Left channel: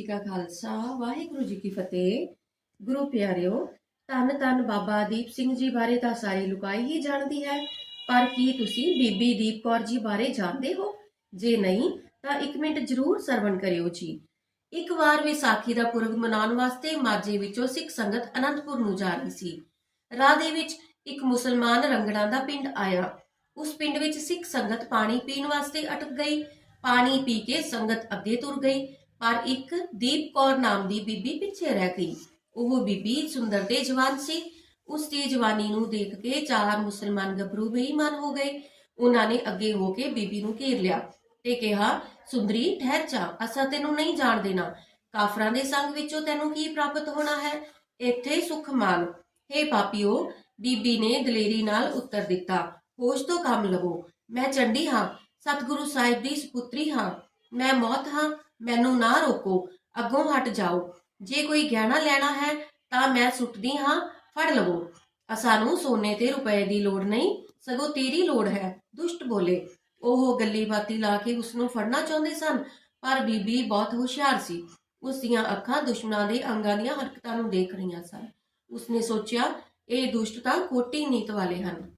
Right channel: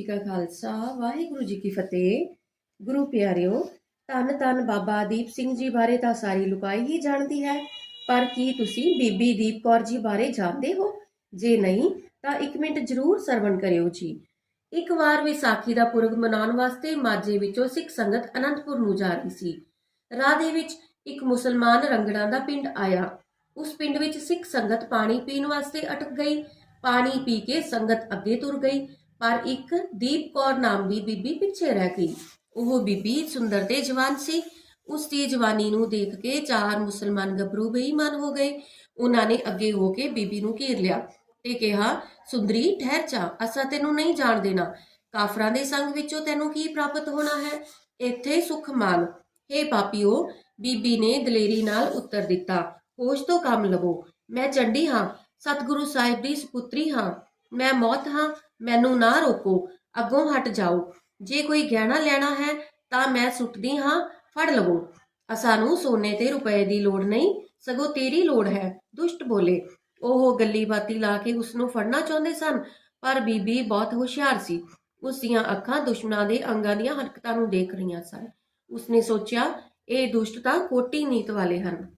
ਜੀ ਕਾ ਖਾਲਸਾ, ਵਾਹਿਗੁਰੂ ਜੀ ਕੀ ਫਤਿਹ। ਗੁਰੂ ਪਿਆਰਿਓ, ਧੰਨ ਧੰਨ ਬਾਬਾ ਦੀਪ ਸਿੰਘ ਜੀ ਬਾਰੇ ਤਾਂ ਸਾਰੀ ਲੁਕਾਈ ਹੀ ਜਾਣਦੀ ਹੈ। ਪਰ ਕੀ ਤੁਸੀਂ ਬੀਬੀ ਦੀਪ ਕੌਰ ਜੀ ਬਾਰੇ ਜਾਣਦੇ ਹੋ? ਜੇ ਨਹੀਂ, ਤਾਂ ਇੱਕ ਮਿੰਟ ਜ਼ਰੂਰ ਸਰਵਣ ਕਰਿਓ ਜੀ। ਇੱਕ ਵਾਰ ਵਿਸਾਖੀ ਦਾ ਪੁਰਬ ਮਨਾਉਣ ਵਾਸਤੇ ਮਾਝੇ ਵਿੱਚੋਂ ਸਿੱਖ ਸੰਗਤ ਅਨੰਦਪੁਰ ਨੂੰ ਜਾ ਰਹੀ ਸੀ। ਰਾਹ ਦੇ ਵਿੱਚ ਇੱਕ ਮੁਸਲਮਾਨ ਰੰਗੜਾ ਦਾ ਪਿੰਡ ਆਇਆ। ਉਸ ਪਿੰਡ ਵਿੱਚ ਸਿੱਖ ਸੰਗਤ ਪਾਣੀ ਪੀਣ ਵਾਸਤੇ ਅਟਕ ਗਈ। ਪਾਣੀ ਪੀ ਕੇ ਸੰਗਤ ਅੱਗੇ ਤੁਰ ਗਈ। ਪਰ ਇੱਕ ਦੀਪ ਕੌਰ ਨਾਮ ਦੀ ਬੀਬੀ ਪਿੱਛੇ ਰਹਿ ਗਈ। ਉਹ ਬੀਬੀ ਸੁੰਦਰ ਤੇ ਜਵਾਨ ਸੀ। ਉਸ ਦੀ ਜਵਾਨੀ ਨੂੰ ਦੇਖ ਕੇ ਚਾਰ ਮੁਸਲਮਾਨ ਗੱਭਰੂ ਬੇਈਮਾਨ ਹੋ ਗਏ। ਉਹਨਾਂ ਨੇ ਅੱਗੇ ਹੋ ਕੇ ਬੀਬੀ ਨੂੰ ਘੇਰ ਲਿਆ ਤੇ ਕਿਹਾ, ਸੁੰਦਰੀ, ਠਹਿਰ ਜਾ, ਅਸਾਂ ਤੈਨੂੰ ਨਹੀਂ ਜਾਣ ਦੇਣਾ। ਕਾਫਰਾਂ ਦੇ ਸੰਗ ਵਿੱਚੋਂ ਤੈਨੂੰ ਕੀ ਪ੍ਰਾਪਤ ਹੋਣਾ ਹੈ? ਇੱਥੇ ਸੁਖ ਮਾਨ ਹੇ ਪਾਪੀਓ, ਬੀਬੀ ਨੇ ਦਲੇਰੀ ਨਾਲ ਉੱਤਰ ਦਿੱਤਾ ਹੋਸ਼ ਤੋਂ ਕੰਮ ਲਵੋ। ਮੈਂ ਚੰਡੀ ਹਾਂ। ਸਤਿਗੁਰੂ ਸਾਹਿਬ ਦੀ ਸੁਪੁੱਤਰੀ ਹਾਂ। ਮੈਂ ਮੌਤ ਹਾਂ, ਮੈਨੂੰ ਨਾ ਰੋਕੋ, ਅੱਗੋਂ ਹਟ ਜਾਓ। ਜੇ ਕੋਈ ਗਹਿਣਾ ਲੈਣਾ ਹੈ, ਤਾਂ ਮੈਂ ਸੁੱਟਦੀ ਹਾਂ, ਫੜ ਲਵੋ। ਸਾਨੂੰ ਸੋਨੇ ਤੇ ਰੁਪਏ ਦੀ ਲੋੜ ਨਹੀਂ, ਸਗੋਂ ਤੇਰੀ ਲੋੜ ਹੈ, ਦੁਸ਼ਟ ਬੋਲੇ। ਉਹ ਗੱਲੀ ਬਾਤੀ ਲਾ ਕੇ ਉਸ ਨੂੰ ਫੜਨਾ ਚਾਹੁੰਦੇ ਸਨ, ਪਰ ਬੀਬੀ ਬਹੁਤ ਹੁਸ਼ਿਆਰ ਸੀ। ਉਸ ਦੀਆਂ ਅੱਖਾਂ ਦੁਸ਼ਮਣਾਂ ਦੇ ਅੰਗਾਂ ਦੀਆਂ ਹਰਕਤਾਂ ਨੂੰ ਦੇਖ ਰਹੀਆਂ ਸਨ। ਉਸਨੇ ਸੋਚਿਆ, ਇਹ ਦੁਸ਼ਟ ਤਾਂ ਕੋਟੀ ਨੀਤ ਵਾਲੇ ਹਨ।